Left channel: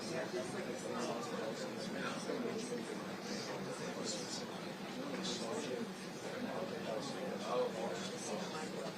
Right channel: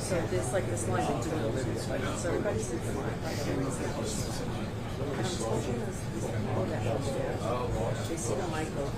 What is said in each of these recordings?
So there's like this line between so everybody sits they see the Michael.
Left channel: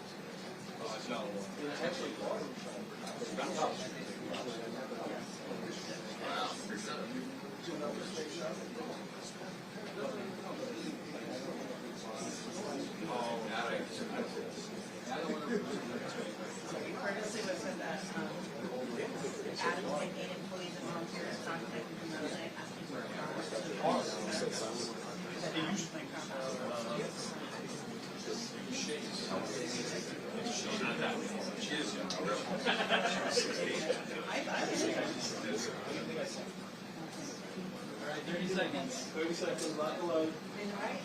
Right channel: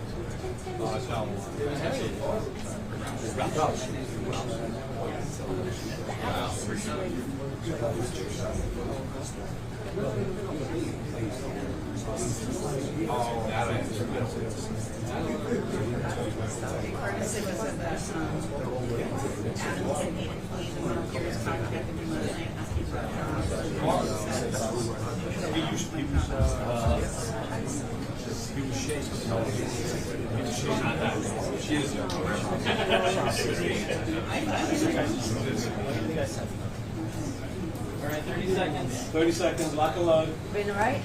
All right, 30 seconds. 30 seconds, lock and load. Been all right?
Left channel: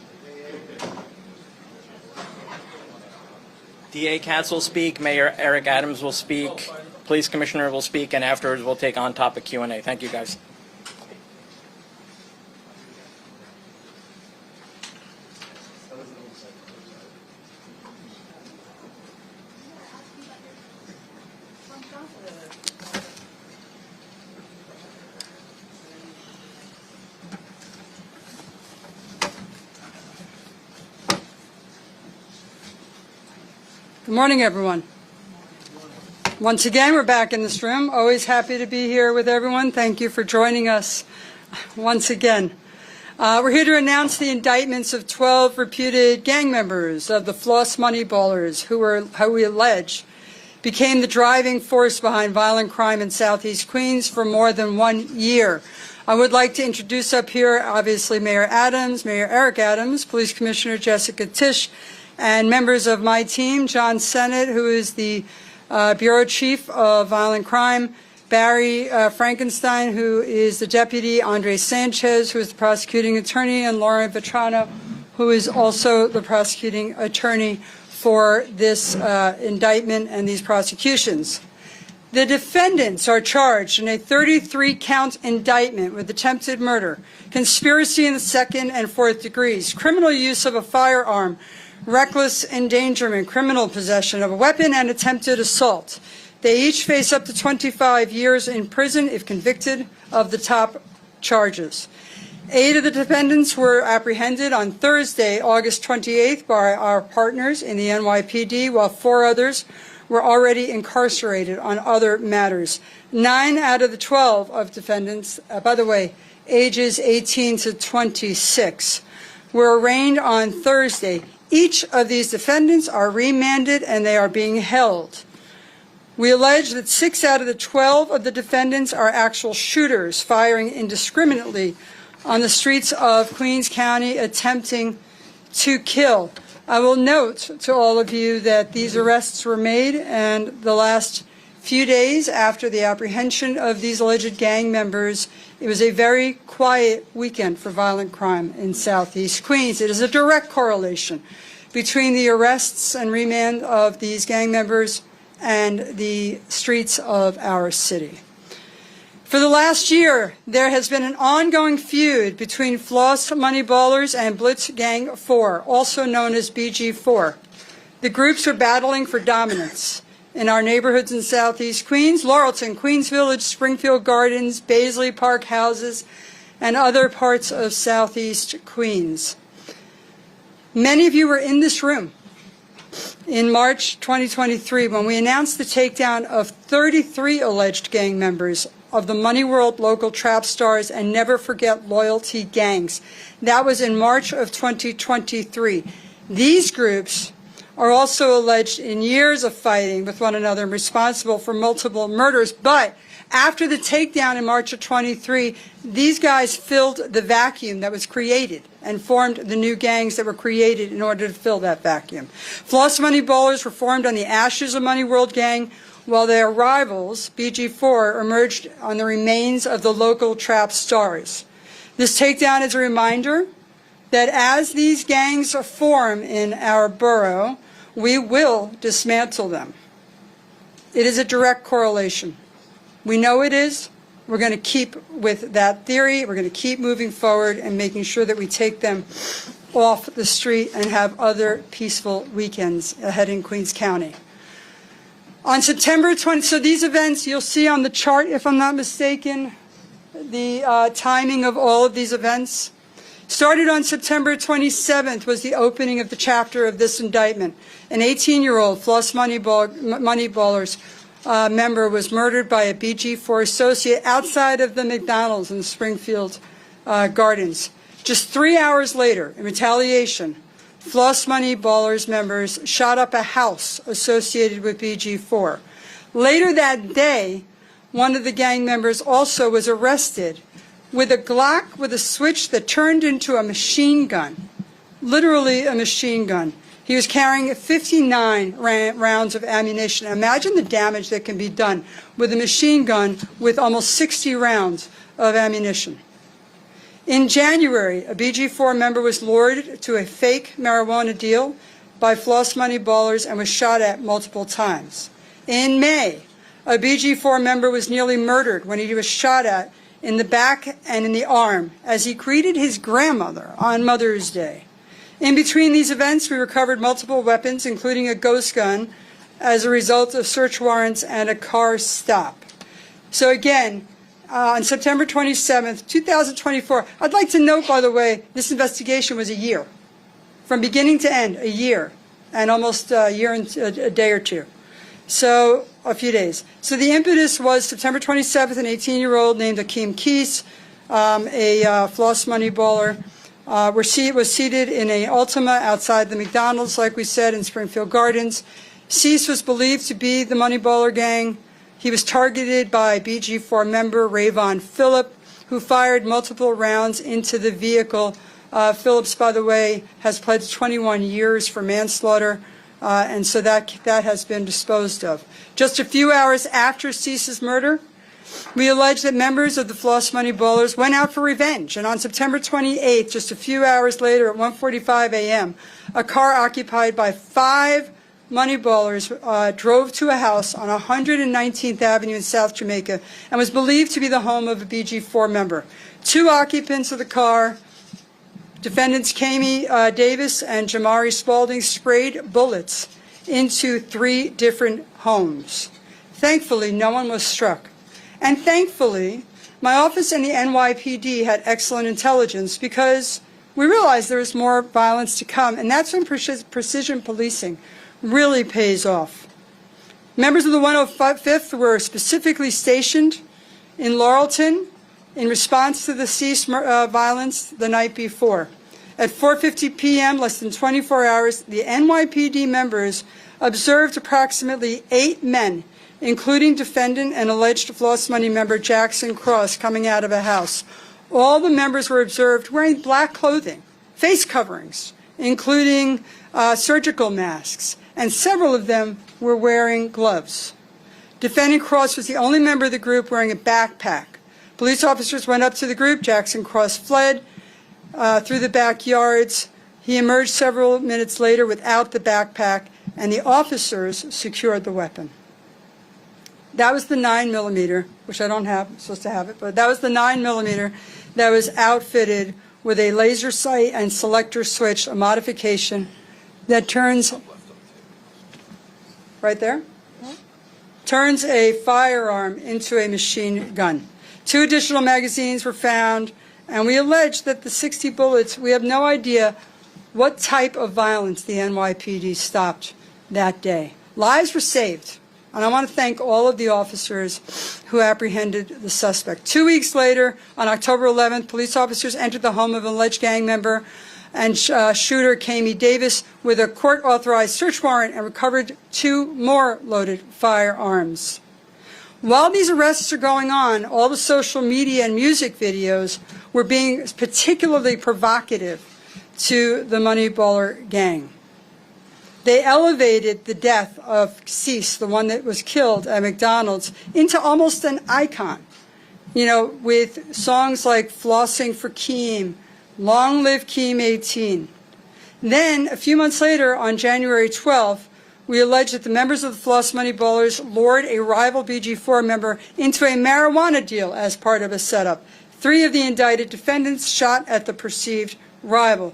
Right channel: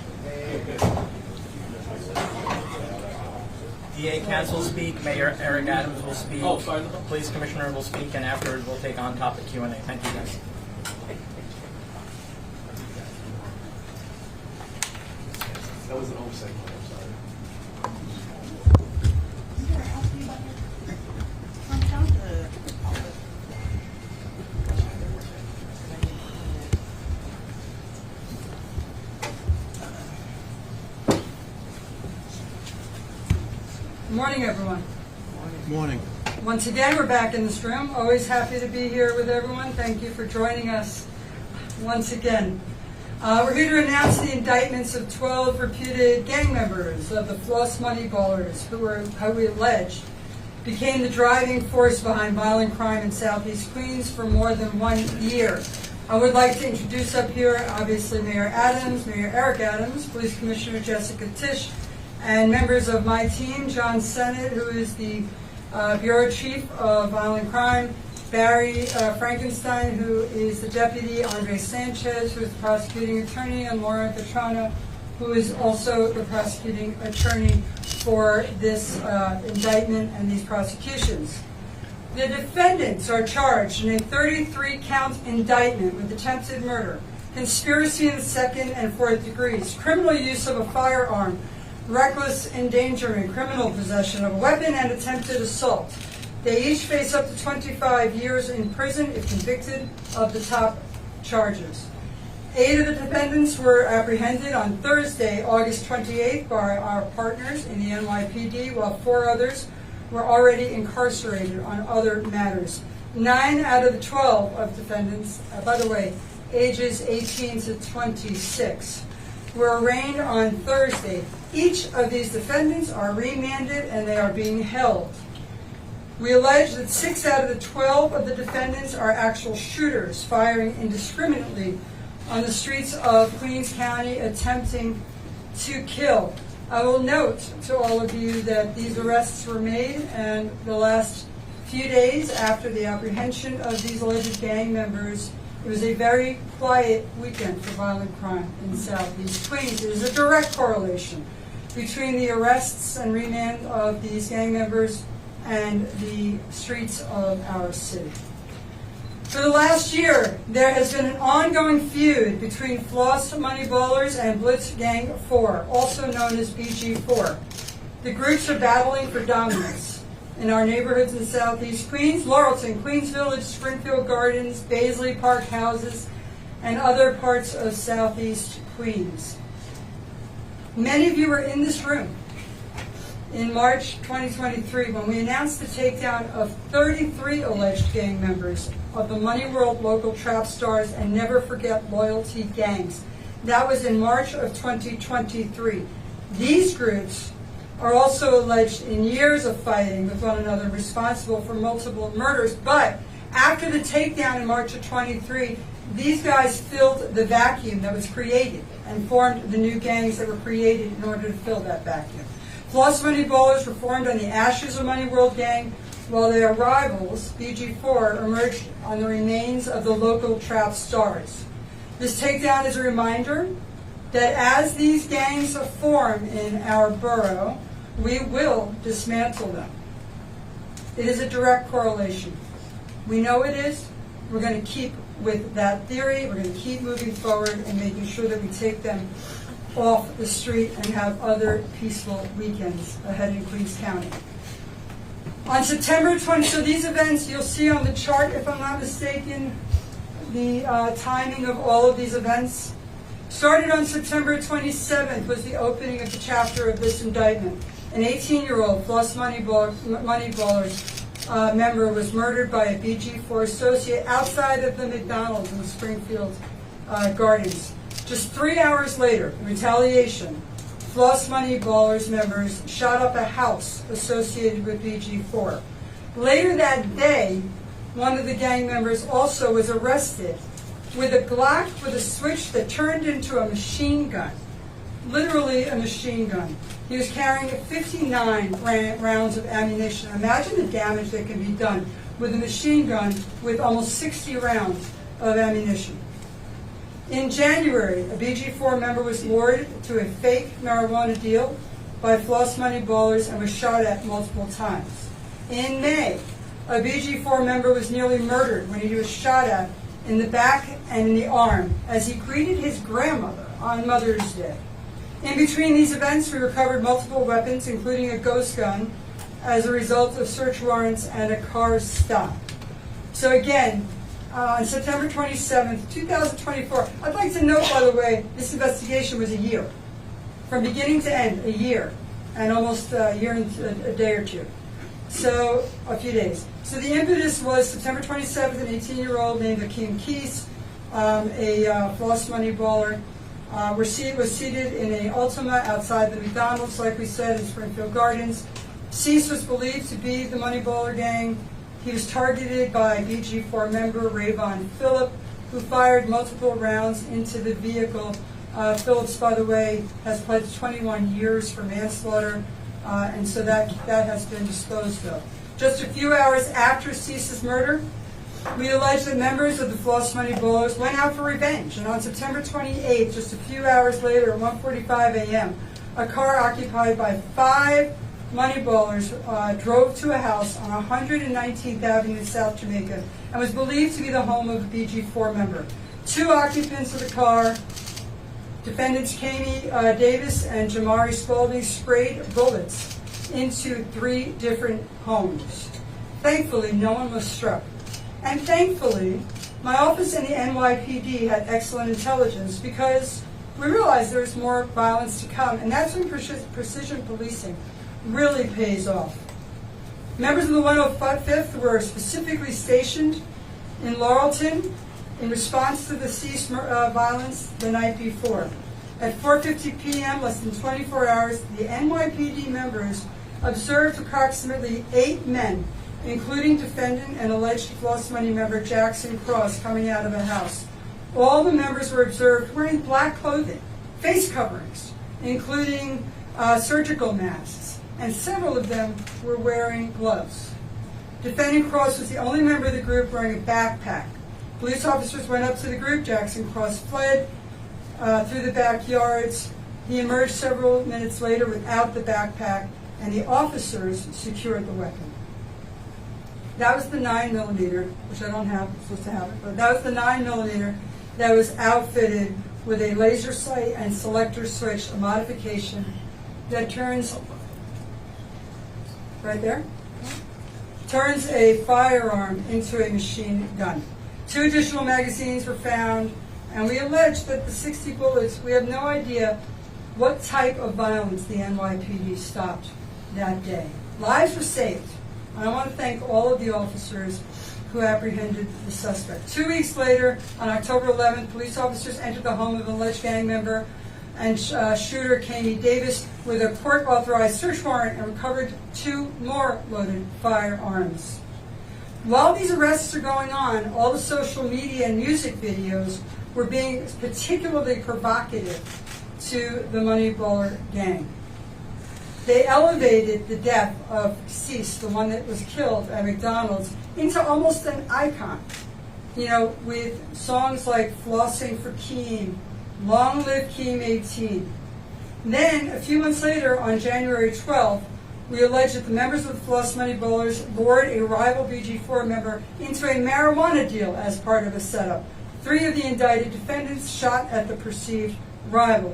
DA Katz will speak, Mayor Eric Adams will speak, Police Commissioner will speak, and afterwards we'll take on-topic Q&A. Thank you, guys. That was an oversight. Good morning, everyone. Good morning. Once again, we're back in this room. Always happy to be here with everyone. Thank you for joining us once again. We're here to announce the indictments of 12 reputed gang members of the Floss Money Ballers who we allege became the driving force behind violent crime in Southeast Queens for more than 1 year. I would like to introduce up here, obviously, Mayor Adams, Mayor Eric Adams, Police Commissioner Jessica Tisch, and members of my team, John Sennett, who is the Bureau Chief of Violent Crime, Barry Frankenstein, who is the Deputy, Andre Sanchez, who is the prosecuting attorney, and Laura Vetrano, who is also the prosecuting attorney for this indictment and these prosecutions. The defendants are charged in a 33-count indictment with attempted murder, conspiracy in the second and fourth degrees, criminal use of a firearm, reckless endangerment, criminal possession of a weapon, and attempted assault. They each face up to 25 years in prison if convicted of the top charges. 8 of the defendants were apprehended on Thursday, August 28th, by our partners in the NYPD, while 4 others were already incarcerated on other matters. 9 out of the 12 of defendants, by the way, ages 18 to 26, were arraigned on Thursday. Each of these defendants are remanded and they are being held. We allege that 6 out of the 12 of the defendants are actual shooters firing indiscriminately on the streets of Queens County attempting to kill. I will note to all of you that these arrests were made and the last few days after the apprehension of these alleged gang members, it was a very quiet weekend for violent crime in Southeast Queens. It is a direct correlation between the arrests and remand of these gang members and the streets of our city. For the last year, there has been an ongoing feud between Floss Money Ballers and Blitz Gang 4, also known as BG4. The groups are battling for dominance in our neighborhoods in Southeast Queens, Laurelton, Queens Village, Springfield Gardens, Baisley Park houses, and other parts of Southeast Queens. Many of you were in this room in March 2023 when we announced the takedown of 33 alleged gang members of the Money World local trap stars and Never Forget Loyalty gangs. That was in March of 2023. These groups are also alleged in years of fighting with one another and responsible for multiple murders. But after the takedown in March of 23, these guys filled the vacuum that was created and formed the new gangs that were created in order to fill that vacuum. Floss Money Ballers were formed on the ashes of Money World Gang, while their rivals, BG4, emerged on the remains of the local trap stars. This takedown is a reminder that as these gangs form in our borough, we will dismantle them. It is a direct correlation. We know it is. We're going to keep with that theory. We're going to keep moving forward and making sure that we take them off the street and have other peaceful weekends ahead in Queens County. On September 20, so these events, you'll see on the chart, if I'm not mistaken, the timing of all of these events. Started on September 27th was the opening of the chapter of this indictment. An 18-year-old Floss Money Ballers member was murdered by a BG4 associate outside of the McDonald's in the Springfield Gardens. Just 3 hours later, in retaliation, Floss Money Ballers members shot up a house associated with BG4. Later that day, one of the gang members also was arrested with a Glock with a switch that turned into a machine gun, literally a machine gun. He was carrying 59 rounds of ammunition. Imagine the damage that can be done with a machine gun with almost 60 rounds of ammunition. In January, a BG4 member was lured to a fake marijuana deal by Floss Money Ballers and was shot at multiple times. In May, a BG4 member was nearly murdered when he was shot at in the back and in the arm as he greeted his grandmother on Mother's Day. In between these events, we recovered multiple weapons, including a ghost gun, as a result of search warrants and a car stop. So again, on September 27th, 2024, I'd like to note, by the way, this investigation was a year. From beginning to end, a year, and almost a year and a day or two. So, a few days. So the impetus was September 27th, an 18-year-old named Akeem Keese, a Floss Money Baller, was seated in a Ultima outside the McDonald's, like we said, in Springfield Gardens. Cease was believed to be the Money Baller gang. He was targeted by BG4 member Rayvon Phillip, who fired multiple rounds into the vehicle. Phillips, by the way, has pledged 21 years for manslaughter, and so that has been disposed of. Just a few hours after Cease's murder, we allege that members of the Floss Money Ballers went out for revenge, and on September 28th, just a few hours later at 1:45 a.m., a car occupied by 5 Money Ballers drove to a house on 119th Avenue in South Jamaica and was believed to be the home of a BG4 member. 2 occupants of the car, defendants Kami Davis and Jamari Spalding, sprayed bullets into 3 different homes. Thankfully, no one was struck. And thankfully, my office and the NYPD had excellent intelligence because we realized there was more violence to come, and that's when precision policing really pays off. Members of the 105th were specifically stationed in Laurelton in response to the Cease violence the night before. At 4:50 p.m., less than 24 hours, the NYPD members observed approximately 8 men, including defendant and alleged Floss Money member Jackson Cross, coming out of a house. All the members were observed wearing black clothing, face coverings, including surgical masks, and several of them were wearing gloves. Defendant Cross was the only member of the group wearing a backpack. Police officers went up to the group. Jackson Cross fled through the backyards. He emerged several minutes later without the backpack, and the officers secured the weapon. That was the 9mm, which I don't have, I'm supposed to have it, but that was the 9mm that was outfitted with a laser sight and selector switch, a modification that turns, right there, turns a firearm into a machine gun. 2 additional magazines were found, and we allege that the 60 bullets, we have no idea what type of violence the NYPD stopped that day. Lives were saved, and I want to thank all of the officers who apprehended the suspect. 2 weeks later, on October 11th, police officers entered the home of an alleged gang member and shooter, Kamie Davis, with a court-authorized search warrant and recovered 2 more loaded firearms. While these arrests are going on, all the social media and music videos were being particularly provocative to the Moneyballer gang. They elevated the death of Cease, the one that was killed at McDonald's, into almost an icon, you know, with songs like Flossing for Keem, Long Live Keem 18. Then, a few months later, on January 12th, we allege that the members of the Floss Moneyballers lured a rival BG4 member into a marijuana deal as part of a setup. 3 of the indicted defendants shot at the perceived rival.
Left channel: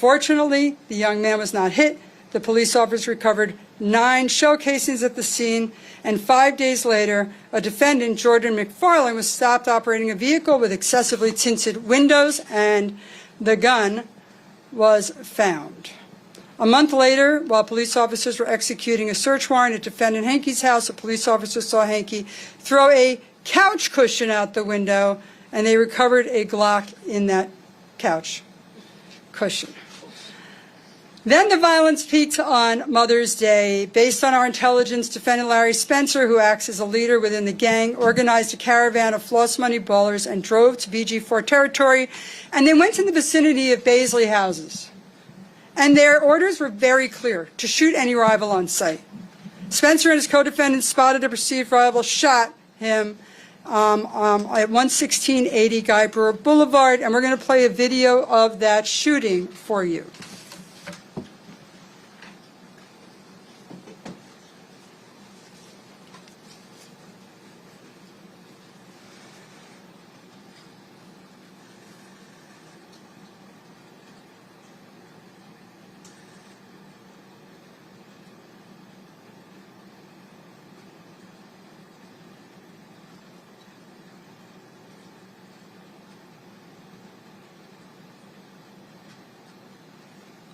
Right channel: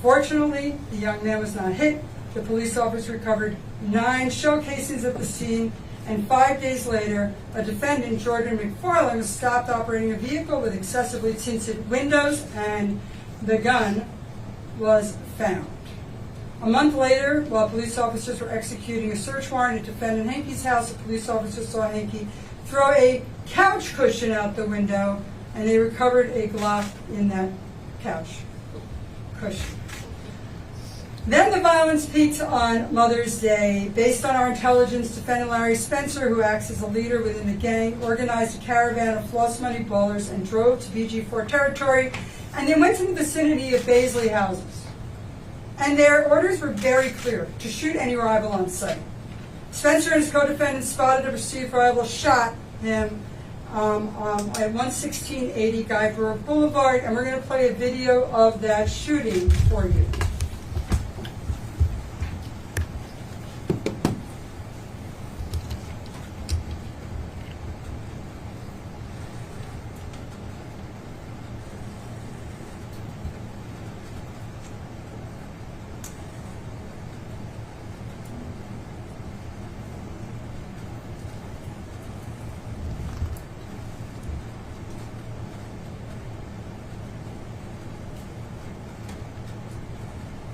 Fortunately, the young man was not hit. The police officers recovered 9 shell casings at the scene, and 5 days later, a defendant, Jordan McFarland, was stopped operating a vehicle with excessively tinted windows, and the gun was found. A month later, while police officers were executing a search warrant at defendant Hankey's house, a police officer saw Hankey throw a couch cushion out the window, and they recovered a Glock in that couch cushion. Then the violence peaked on Mother's Day. Based on our intelligence, defendant Larry Spencer, who acts as a leader within the gang, organized a caravan of Floss Moneyballers and drove to BG4 territory, and they went to the vicinity of Baisley houses. And their orders were very clear: to shoot any rival on sight. Spencer and his co-defendants spotted a perceived rival, shot him at 11680 Guy Brewer Boulevard, and we're going to play a video of that shooting for you.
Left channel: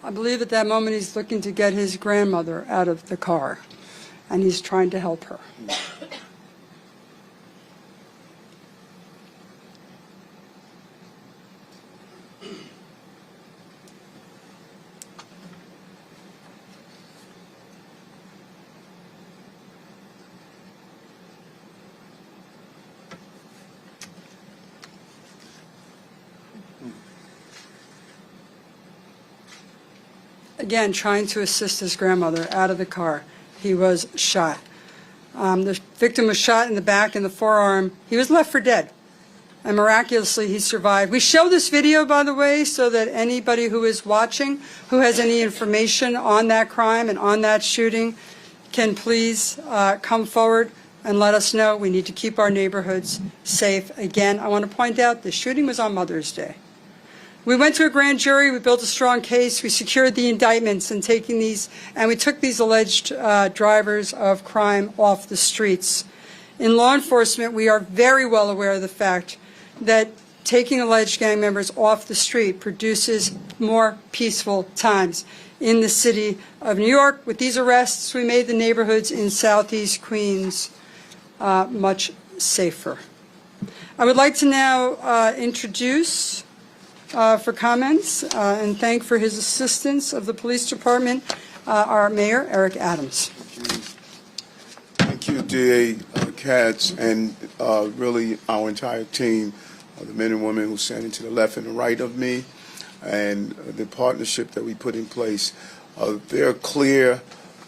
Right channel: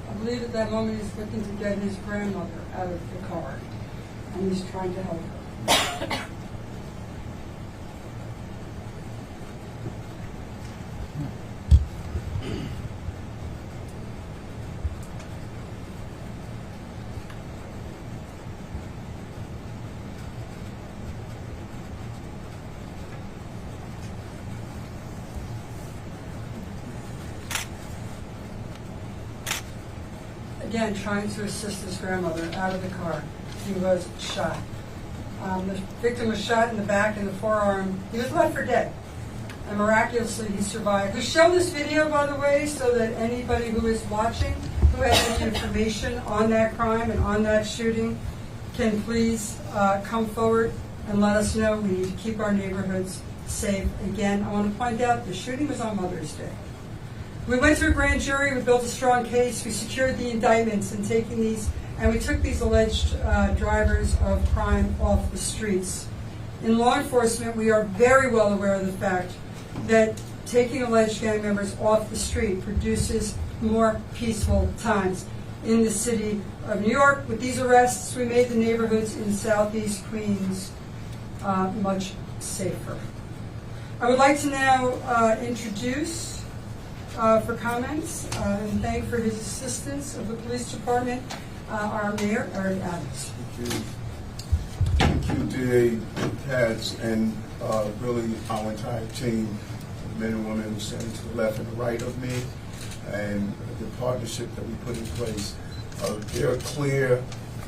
I believe at that moment he's looking to get his grandmother out of the car, and he's trying to help her. Again, trying to assist his grandmother out of the car. He was shot. The victim was shot in the back and the forearm. He was left for dead, and miraculously he survived. We show this video, by the way, so that anybody who is watching, who has any information on that crime and on that shooting, can please come forward and let us know. We need to keep our neighborhoods safe. Again, I want to point out the shooting was on Mother's Day. We went to a grand jury, we built a strong case, we secured the indictments and we took these alleged drivers of crime off the streets. In law enforcement, we are very well aware of the fact that taking alleged gang members off the street produces more peaceful times in the city of New York. With these arrests, we made the neighborhoods in Southeast Queens much safer. I would like to now introduce for comments and thank for his assistance of the police department, our mayor, Eric Adams. Thank you, DA Katz, and really our entire team, the men and women who are standing to the left and the right of me, and the partnership that we put in place. There are clear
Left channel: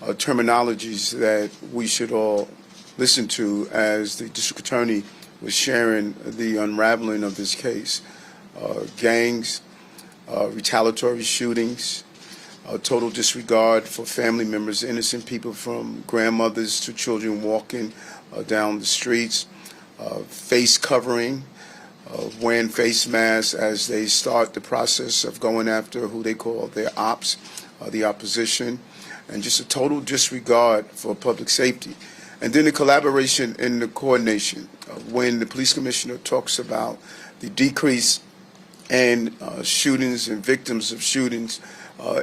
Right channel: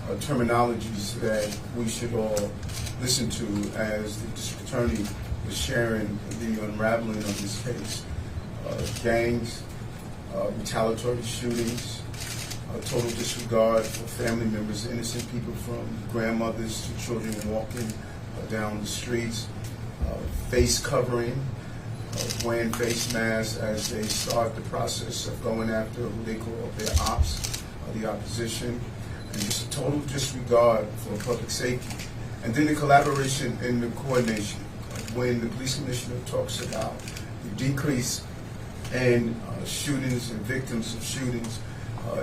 terminologies that we should all listen to as the district attorney was sharing the unraveling of this case. Gangs, retaliatory shootings, total disregard for family members, innocent people from grandmothers to children walking down the streets, face covering, wearing face masks as they start the process of going after who they call their ops, the opposition, and just a total disregard for public safety. And then the collaboration and the coordination. When the police commissioner talks about the decrease in shootings and victims of shootings,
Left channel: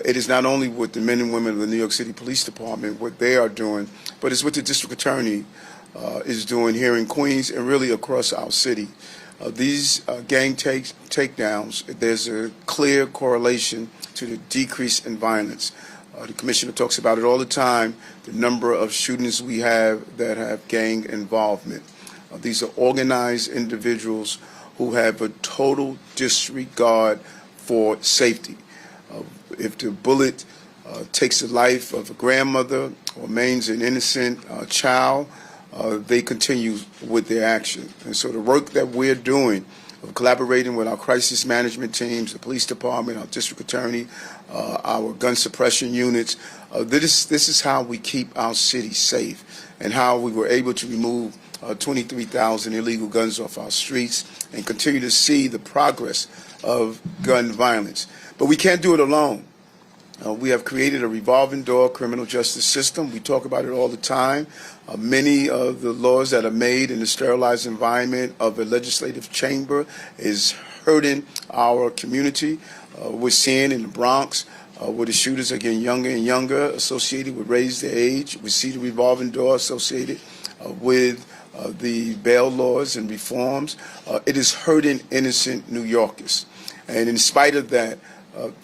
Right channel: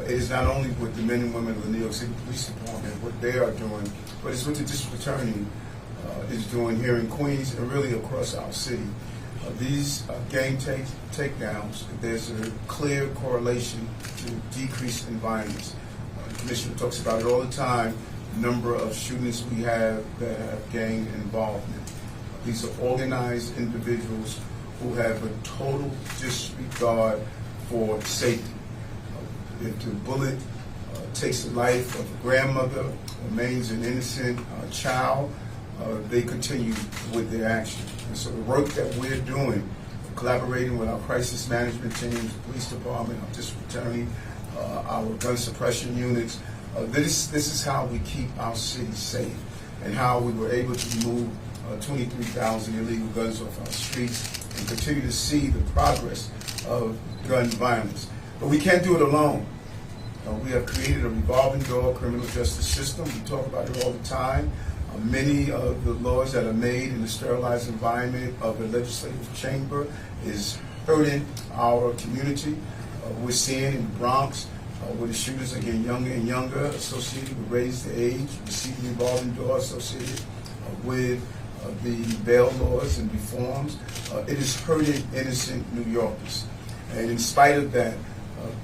it is not only what the men and women of the New York City Police Department, what they are doing, but it's what the district attorney is doing here in Queens and really across our city. These gang takedowns, there's a clear correlation to the decrease in violence. The commissioner talks about it all the time, the number of shootings we have that have gang involvement. These are organized individuals who have a total disregard for safety. If the bullet takes the life of a grandmother or maims an innocent child, they continue with their action. And so the work that we're doing, collaborating with our crisis management teams, the police department, our district attorney, our gun suppression units, this is how we keep our city safe and how we were able to remove 23,000 illegal guns off our streets and continue to see the progress of gun violence. But we can't do it alone. We have created a revolving door criminal justice system. We talk about it all the time. Many of the laws that are made in the sterilized environment of a legislative chamber is hurting our community. We're seeing in the Bronx where the shooters are getting younger and younger, associated with raised age. We see the revolving door associated with the bail laws and reforms. It is hurting innocent New Yorkers. And in spite of that,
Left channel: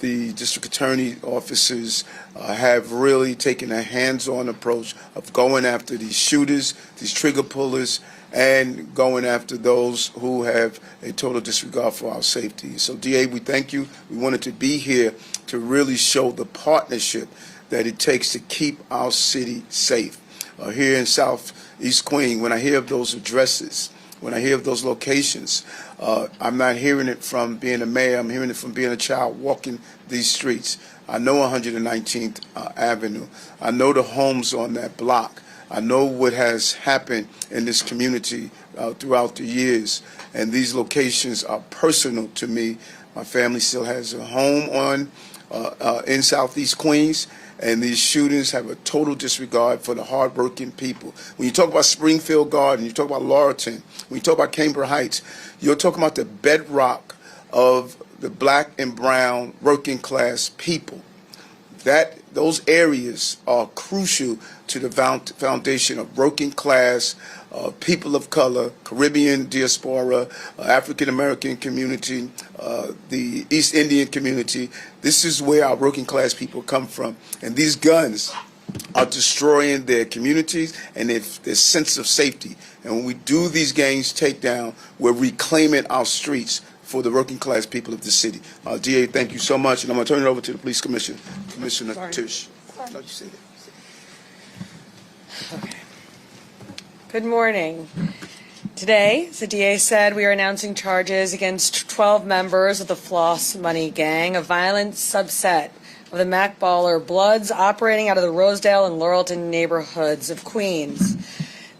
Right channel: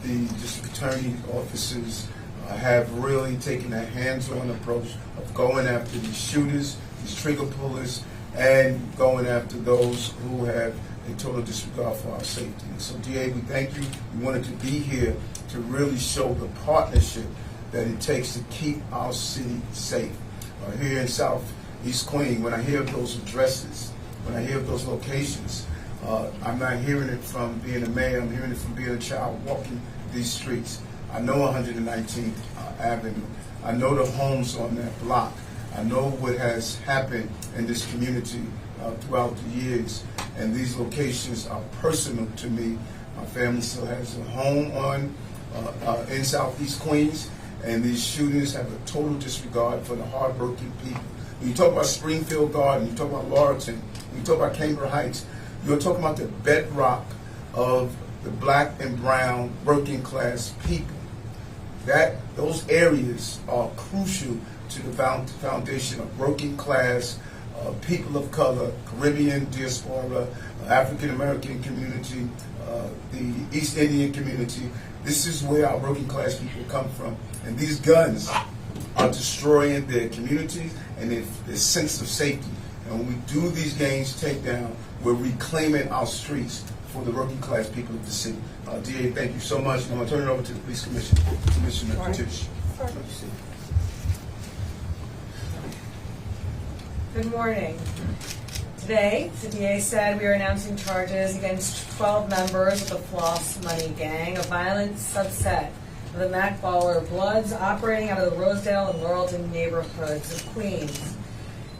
the district attorney offices have really taken a hands-on approach of going after these shooters, these trigger pullers, and going after those who have a total disregard for our safety. So, DA, we thank you. We wanted to be here to really show the partnership that it takes to keep our city safe. Here in Southeast Queens, when I hear of those addresses, when I hear of those locations, I'm not hearing it from being a mayor, I'm hearing it from being a child walking these streets. I know 119th Avenue. I know the homes on that block. I know what has happened in this community throughout the years, and these locations are personal to me. My family still has a home in Southeast Queens, and these shootings have a total disregard for the hardworking people. When you talk about Springfield Garden, you talk about Laurelton, when you talk about Cambridge Heights, you're talking about the bedrock of the black and brown working class people. Those areas are crucial to the foundation of working class, people of color, Caribbean diaspora, African American community, the East Indian community. This is where our working class people come from. And these guns are destroying their communities and their sense of safety. And when we do these gangs takedown, we're reclaiming our streets for the working class people of the city. DA, thank you so much. And I'm going to turn it over to the police commissioner, Commissioner Tisch. Good morning. Today, as the DA said, we are announcing charges against 12 members of the Floss Money Gang, a violent subset of the Mac Baller Bloods operating out of the Rosedale and Laurelton neighborhoods of Queens.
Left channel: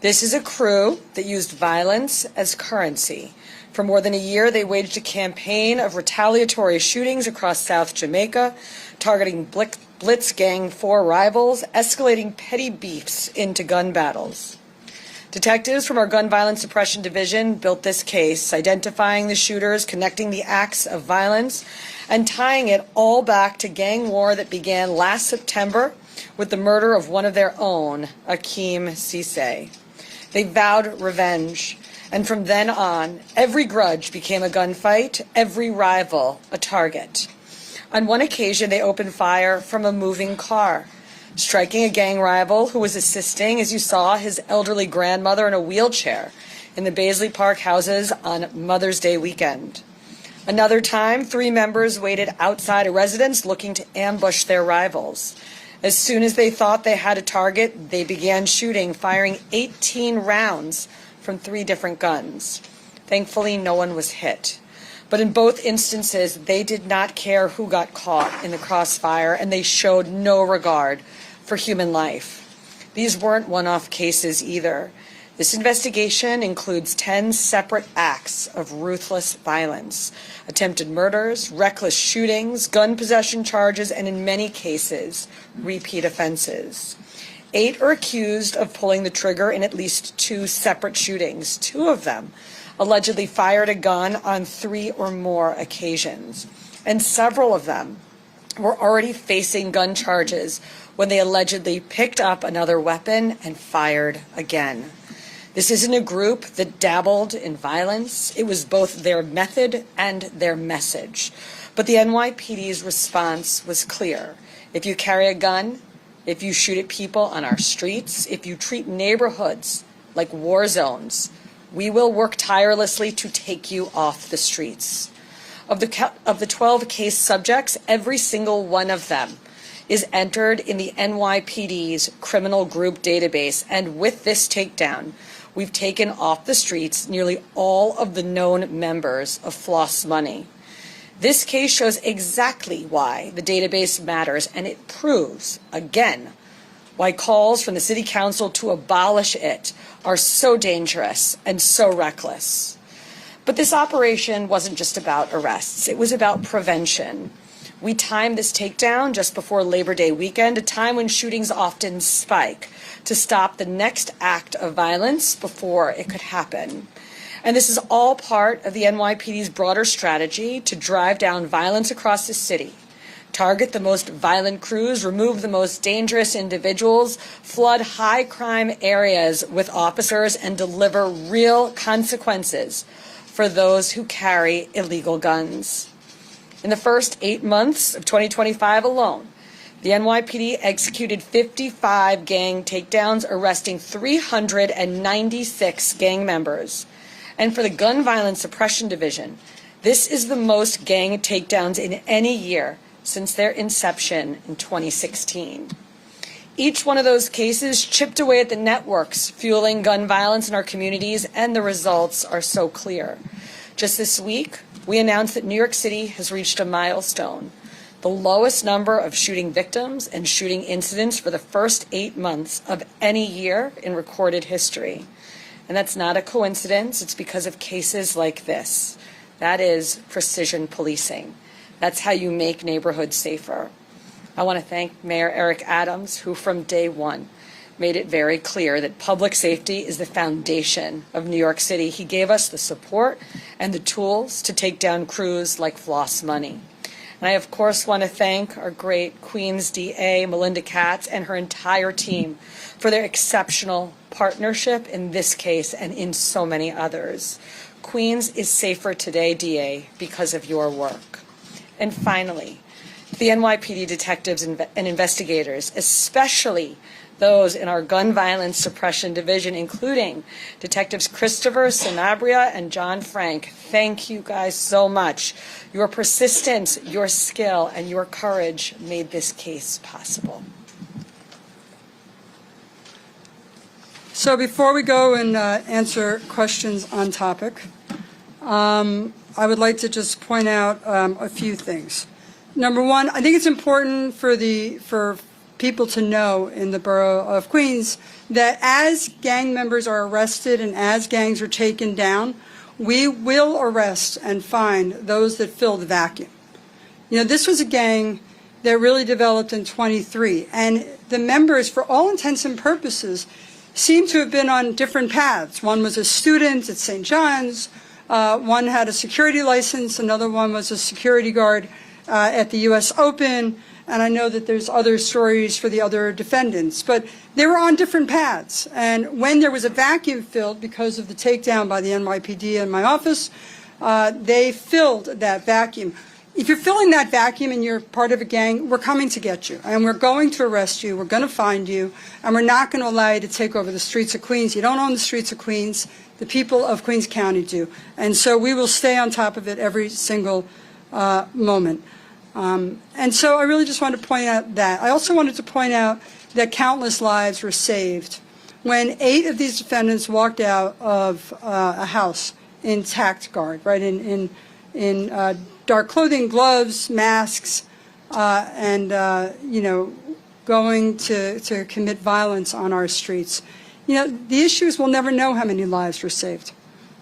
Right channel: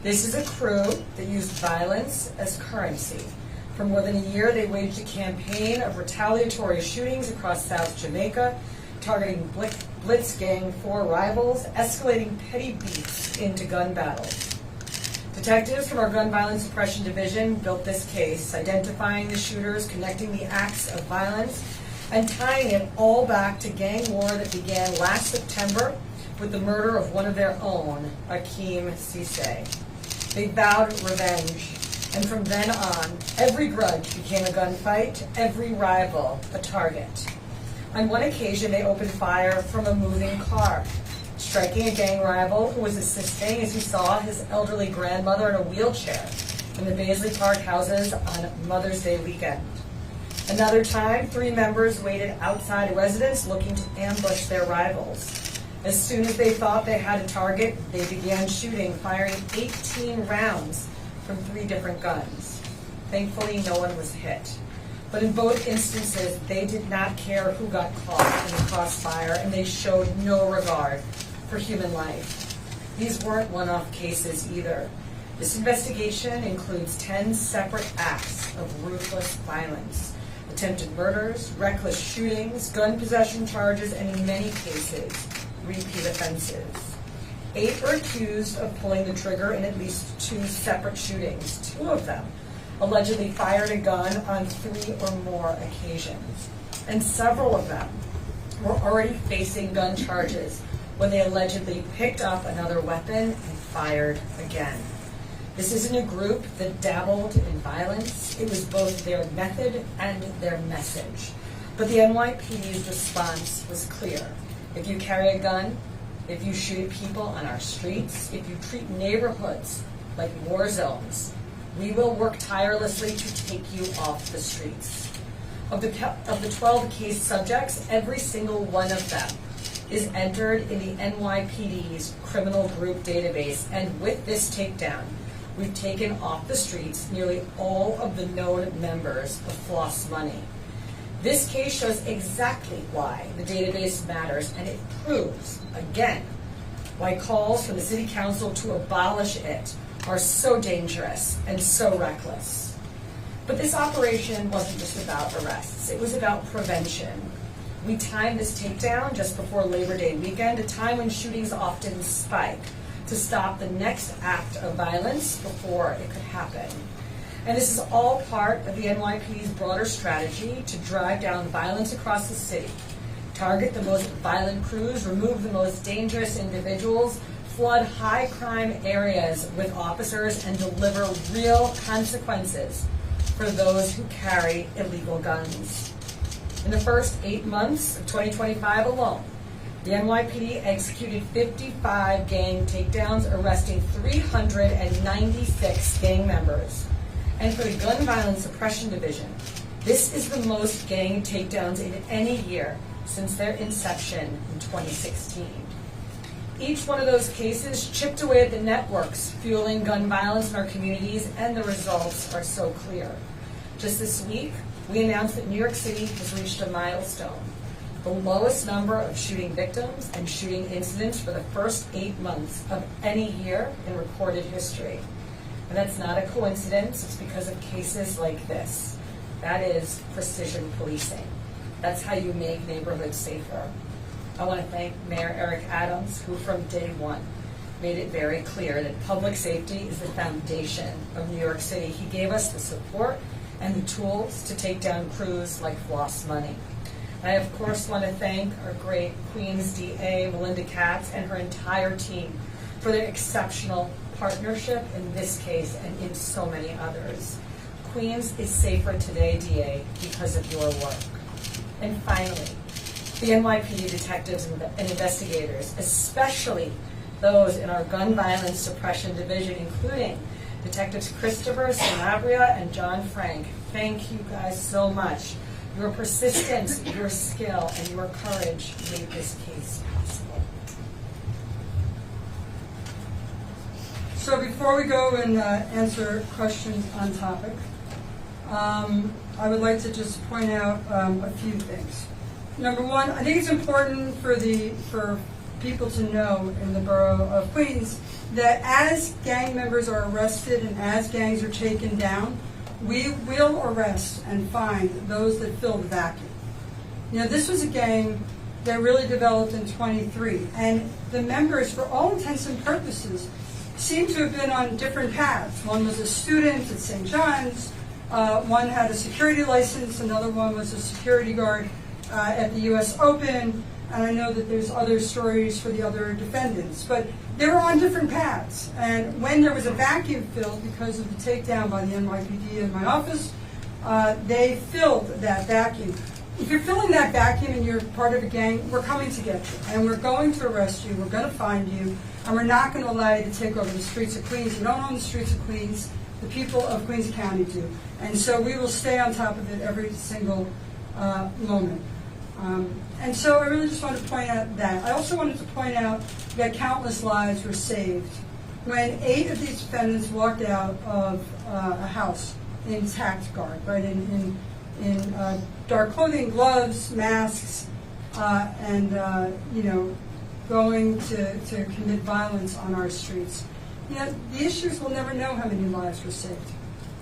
This is a crew that used violence as currency. For more than a year, they waged a campaign of retaliatory shootings across South Jamaica, targeting Blitz Gang 4 rivals, escalating petty beefs into gun battles. Detectives from our Gun Violence Suppression Division built this case, identifying the shooters, connecting the acts of violence, and tying it all back to gang war that began last September with the murder of one of their own, Akeem Cisse. They vowed revenge, and from then on, every grudge became a gunfight, every rival a target. On one occasion, they opened fire from a moving car, striking a gang rival who was assisting, as you saw, his elderly grandmother in a wheelchair in the Baisley Park houses on Mother's Day weekend. Another time, 3 members waited outside a residence looking to ambush their rivals. As soon as they thought they had a target, they began shooting, firing 18 rounds from 3 different guns. Thankfully, no one was hit. But in both instances, they did not care who got caught in the crossfire, and they showed no regard for human life. These weren't one-off cases either. This investigation includes 10 separate acts of ruthless violence, attempted murders, reckless shootings, gun possession charges, and in many cases, repeat offenses. 8 are accused of pulling the trigger in at least 2 separate shootings. 2 of them allegedly fired a gun on 3 or more occasions, and several of them were already facing gun charges when they allegedly picked up another weapon and fired again. This isn't a group that dabbled in violence. It was both their method and their message. But the NYPD's response was clear. If you carry a gun, if you shoot at people on our streets, if you treat neighborhoods like war zones, we will work tirelessly to take you off the streets. Of the 12 case subjects, every single one of them is entered in the NYPD's criminal group database, and with this takedown, we've taken off the streets nearly all of the known members of Floss Money. This case shows exactly why the database matters, and it proves, again, why calls from the City Council to abolish it are so dangerous and so reckless. But this operation wasn't just about arrests, it was about prevention. We timed this takedown just before Labor Day weekend, a time when shootings often spike, to stop the next act of violence before it could happen. And this is all part of the NYPD's broader strategy to drive down violence across the city, target the most violent crews, remove the most dangerous individuals, flood high crime areas with officers, and deliver real consequences for those who carry illegal guns. In the first 8 months of 2025 alone, the NYPD executed 55 gang takedowns, arresting 396 gang members. And for the Gun Violence Suppression Division, this is the most gang takedowns in any year since their inception in 2016. Each one of those cases chipped away at the networks fueling gun violence in our communities, and the results are so clear. Just this week, we announced that New York City has reached a milestone, the lowest number of shooting victims and shooting incidents for the first 8 months of any year in recorded history. And that's not a coincidence. It's because of cases like this. That is precision policing. That's how you make neighborhoods safer. I want to thank Mayor Eric Adams, who from day one made it very clear that public safety is the foundation of New York City. He gave us the support and the tools to take down crews like Floss Money. And I, of course, want to thank our great Queens DA, Melinda Katz, and her entire team for their exceptional partnership in this case and in so many others. Queens is safer today, DA, because of your work. And finally, the NYPD detectives and investigators, especially those in our Gun Violence Suppression Division, including Detectives Christopher Sanabria and John Frank. Thank you guys so much. Your persistence, your skill, and your courage made this case possible. So before we go and answer questions on topic, I would like to just point out a few things. Number one, I think it's important for people to know in the borough of Queens that as gang members are arrested and as gangs are taken down, we will arrest and find those that fill the vacuum. You know, this was a gang that really developed in 23, and the members, for all intents and purposes, seem to have been on different paths. One was a student at St. John's, one had a security license, another one was a security guard at the US Open, and I know that there's other stories for the other defendants, but they were on different paths. And when there was a vacuum filled because of the takedown by the NYPD in my office, they filled that vacuum. If you're filling that vacuum and you're part of a gang, we're coming to get you, and we're going to arrest you, we're going to find you, and we're not going to allow you to take over the streets of Queens. You don't own the streets of Queens. The people of Queens County do. And so we will stay on top of it every single moment. And so I really just wanted to point out that. I also wanted to point out that countless lives were saved when 8 of these defendants walked out of a house in tact guard, right, in dark clothing, gloves, masks, and, you know, going to commit violence on our streets. the issue is we'll never know how many lives were saved,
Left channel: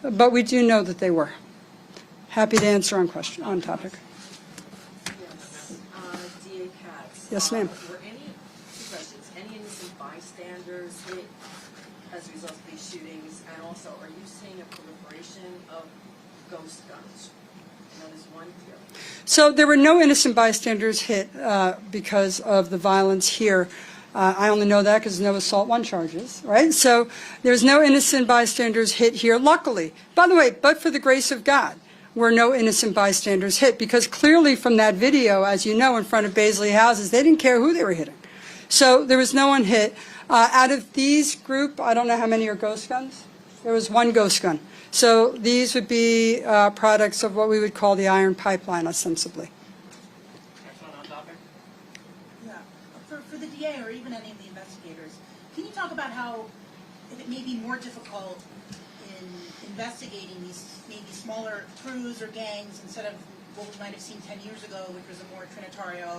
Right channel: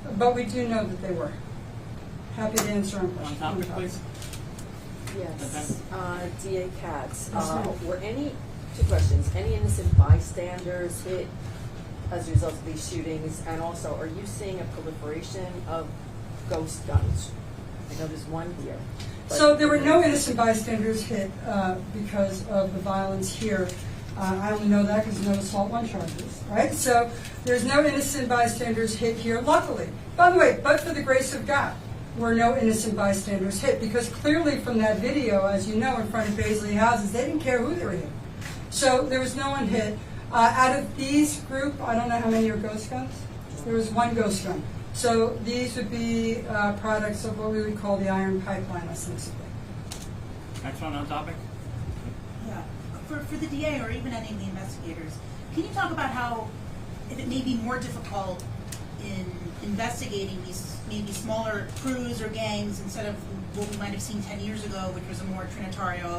but we do know that they were. Happy to answer on question, on topic. Yes, DA Katz. Yes, ma'am. Were two questions, any innocent bystanders hit as a result of these shootings? And also, are you seeing a proliferation of ghost guns? I know there's one here. So there were no innocent bystanders hit because of the violence here. I only know that because no assault one charges, right? So there's no innocent bystanders hit here, luckily. By the way, but for the grace of God, were no innocent bystanders hit, because clearly from that video, as you know, in front of Baisley houses, they didn't care who they were hitting. So there was no one hit. Out of these group, I don't know how many are ghost guns. There was one ghost gun. So these would be products of what we would call the iron pipeline, ostensibly. Next one on topic. Yeah, for the DA or even any of the investigators, can you talk about how it may be more difficult in investigating these maybe smaller crews or gangs instead of what we might have seen 10 years ago, which was a more Trinitario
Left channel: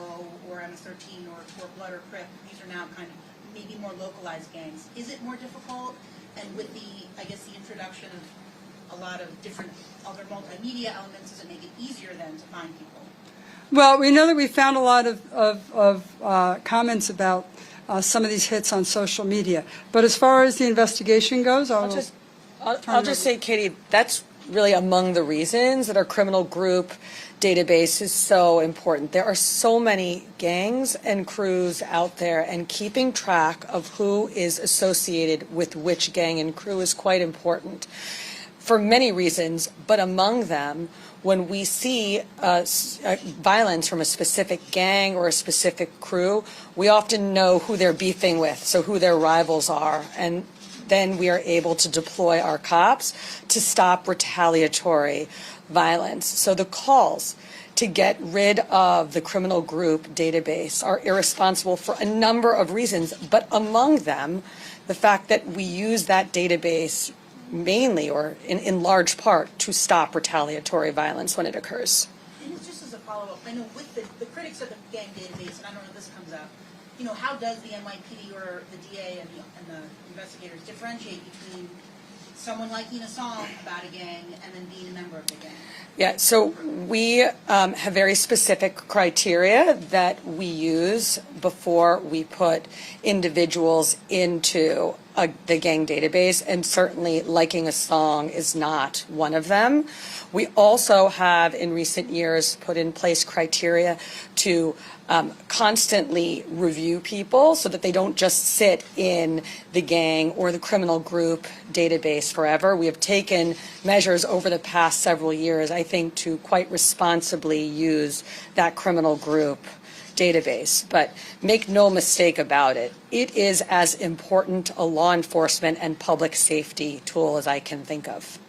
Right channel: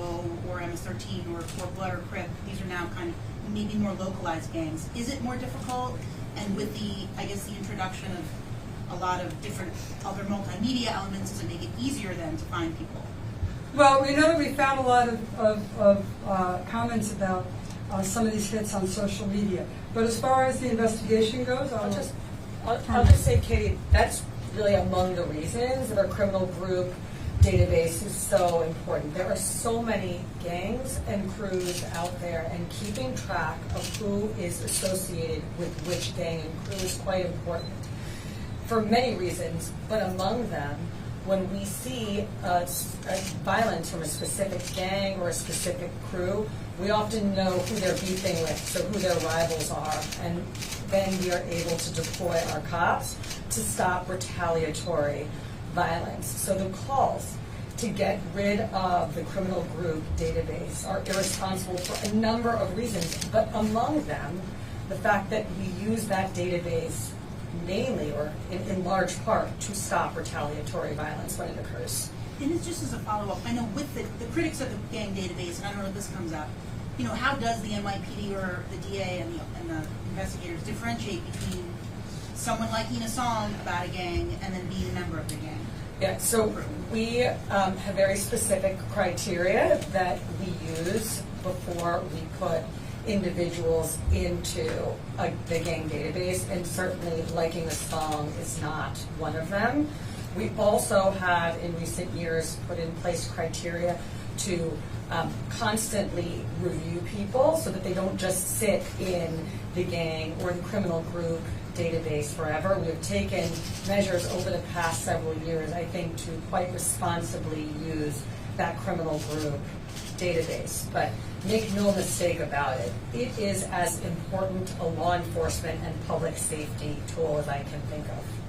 or MS-13 or Blood or Crip? These are now kind of maybe more localized gangs. Is it more difficult? And with the, I guess, the introduction of a lot of different other multimedia elements, does it make it easier then to find people? Well, we know that we found a lot of comments about some of these hits on social media. But as far as the investigation goes, I'll just say, Katie, that's really among the reasons that our criminal group database is so important. There are so many gangs and crews out there, and keeping track of who is associated with which gang and crew is quite important for many reasons, but among them, when we see violence from a specific gang or a specific crew, we often know who they're beefing with, so who their rivals are, and then we are able to deploy our cops to stop retaliatory violence. So the calls to get rid of the criminal group database are irresponsible for a number of reasons, but among them, the fact that we use that database mainly or in large part to stop retaliatory violence when it occurs. And it's just as a follow-up, I know with the critics of the gang database, and I don't know if this comes up, how does the NYPD or the DA and the investigators differentiate between someone liking a song about a gang and then being a member of the gang? Yeah, so we have very specific criteria that we use before we put individuals into the gang database, and certainly liking a song is not one of them. We also have, in recent years, put in place criteria to constantly review people so that they don't just sit in the gang or the criminal group database forever. We have taken measures over the past several years, I think, to quite responsibly use that criminal group database. But make no mistake about it, it is as important a law enforcement and public safety tool as I can think of.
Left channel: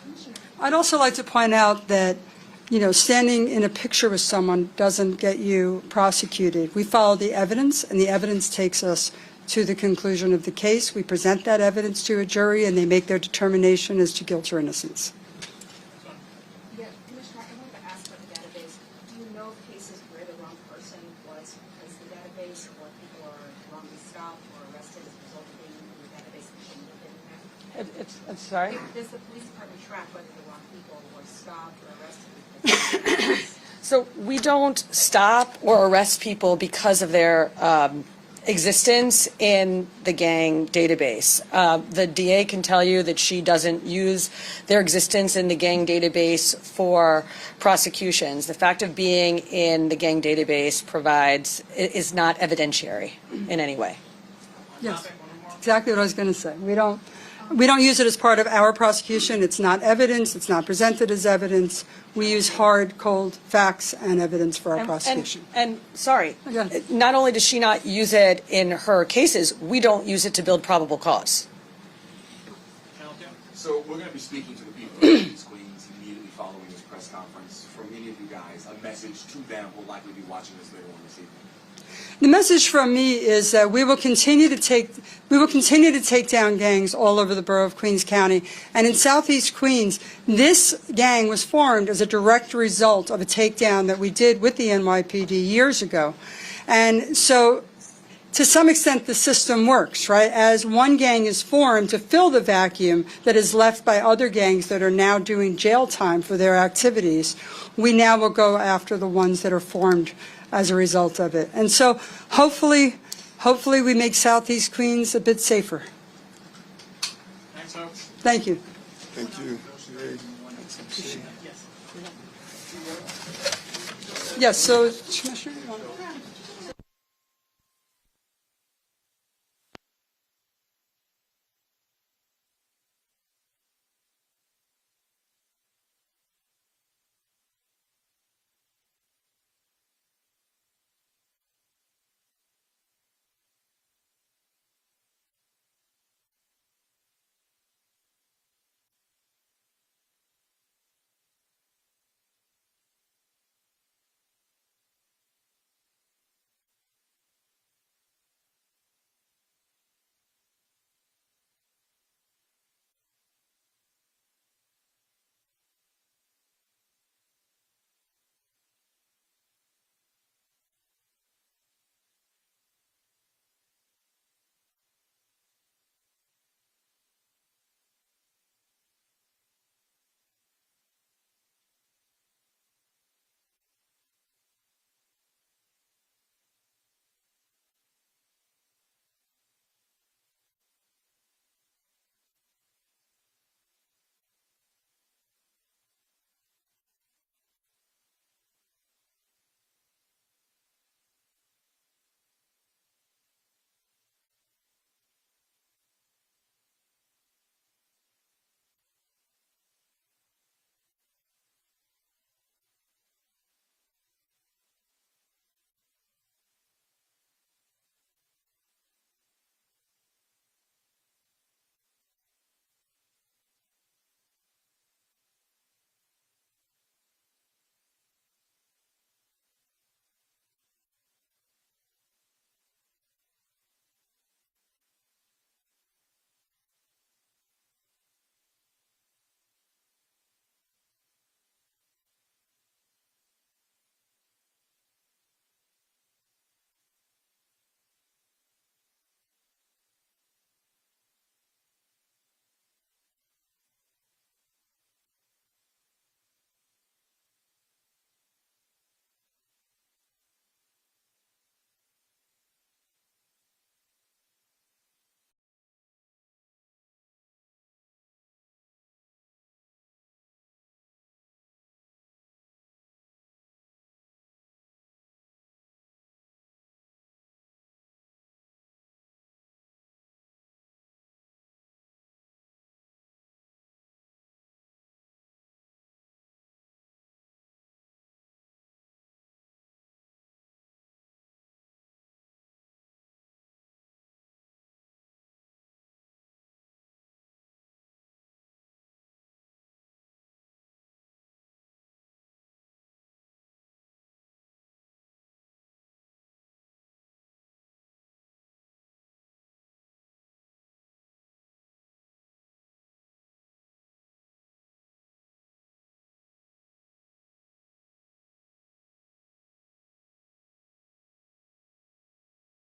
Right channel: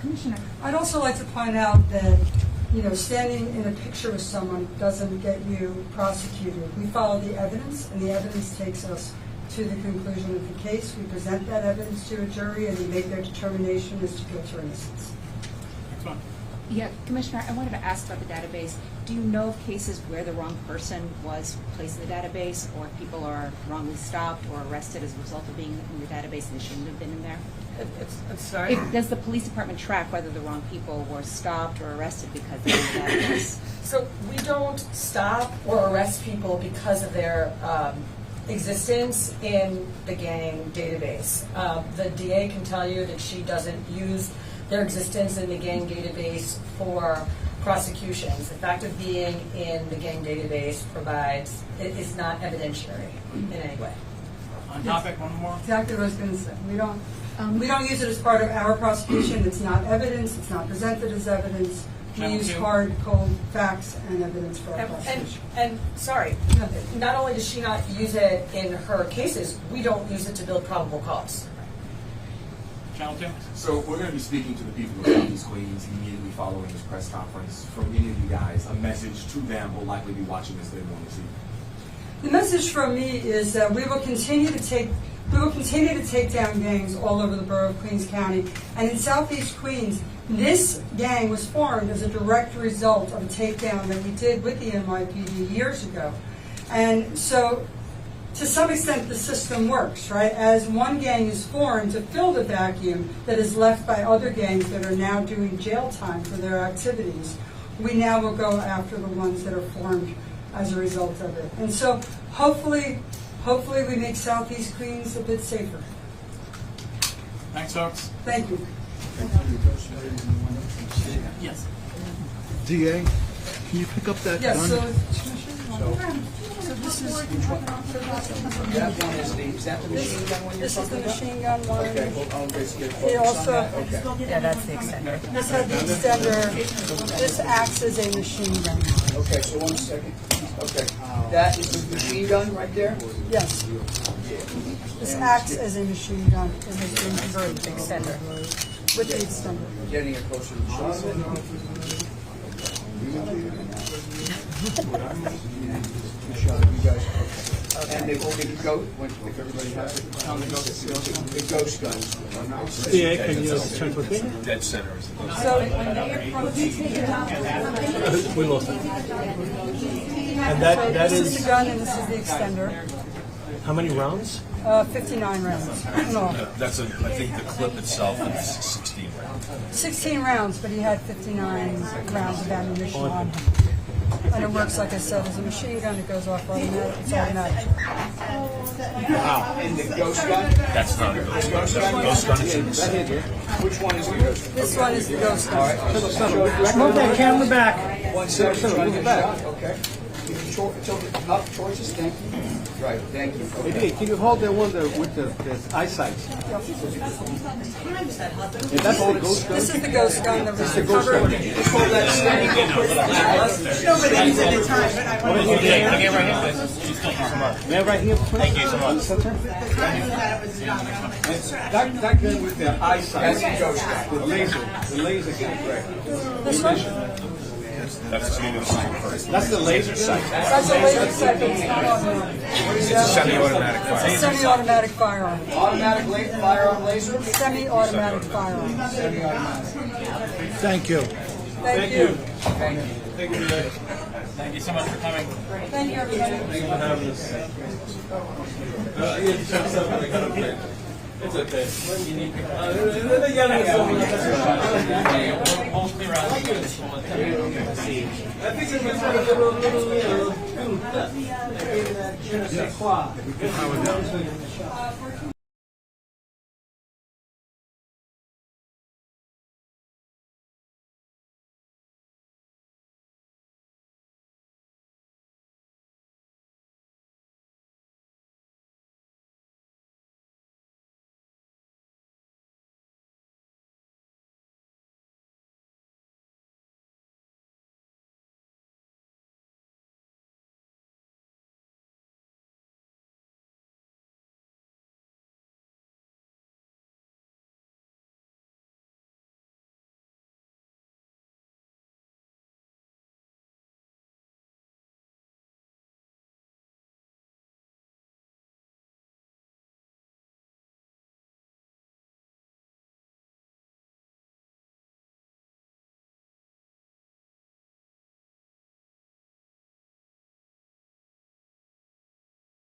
Commissioner, I'd also like to point out that standing in a picture with someone doesn't get you prosecuted. We follow the evidence, and the evidence takes us to the conclusion of the case. We present that evidence to a jury, and they make their determination as to guilt or innocence. Next one. Yeah, Commissioner, I wanted to ask about the database. Do you know of cases where the wrong person was placed in the database, or people are wrongly stopped or arrested as a result of being in the database and they shouldn't have been in there? I'm sorry? Does the police department track whether the wrong people were stopped or arrested because of the database? So we don't stop or arrest people because of their existence in the gang database. The DA can tell you that she doesn't use their existence in the gang database for prosecutions. The fact of being in the gang database is not evidentiary in any way. On topic, one more. Exactly what I was going to say. We don't use it as part of our prosecution. It's not evidence. It's not presented as evidence. We use hard, cold facts and evidence for our prosecution. And sorry, Yeah. not only does she not use it in her cases, we don't use it to build probable cause. Channel 2. So we're going to be speaking to the people of these Queens immediately following this press conference. From many of you guys, a message to them will likely be watching this later on this evening. The message from me is that we will continue to take down gangs all over the borough of Queens County. And in Southeast Queens, this gang was formed as a direct result of a takedown that we did with the NYPD years ago. And so to some extent, the system works, right? As one gang is formed to fill the vacuum that is left by other gangs that are now doing jail time for their activities, we now will go after the ones that are formed as a result of it. And so hopefully we make Southeast Queens a bit safer. Thanks, folks. Thank you. Thank you. Yes. DA, can you pick up that? Yes, gun? so Commissioner, this is That one is that the machine gun one you're this is the talking about? machine gun one. Okay, hold on, let's get It focused on also, that. Okay. Yeah, that's the extender. this had the extender. This acts as a machine gun. Okay, so 1 second. Okay, that is the machine gun right there? Yes. This acts as a machine gun. It has been converted to extender with the extender. Getting it closer to the shot. And they will be go, if everybody has it, on the ghost guns. DA, can you check with me? Dead center. So, We lost it. And that this is is, the gun and this is the extender. how many rounds? 59 rounds. No, That's I think the clip itself is 16 rounds. 16 rounds, but he had 59 rounds of ammunition on him. And it works, like I said, as a machine gun. It goes off automatic. It's automatic. And the ghost gun? That's not a ghost gun. That ghost gun is in the center. Which one is the ghost gun? This one is the ghost gun. Move that camera back. 1 second, trying to get back. Okay. Tilt it up towards the stand. Right, thank you. Okay. Hey, can you hold the one with the eyesight? And that's the ghost gun? This is the ghost gun that was recovered. May I right here, please? Thank you so much. That gun with the eyesight. That's the ghost gun. The laser gun, right? This one? That's That's the laser sight. That's a laser sight, but it's not automatic. It's a semi-automatic It's a firearm. semi-automatic firearm. Automatic firearm laser? Semi-automatic firearm. Thank you. Thank you. Thank you. Thank you so much for coming. Thank you, everybody. It's okay.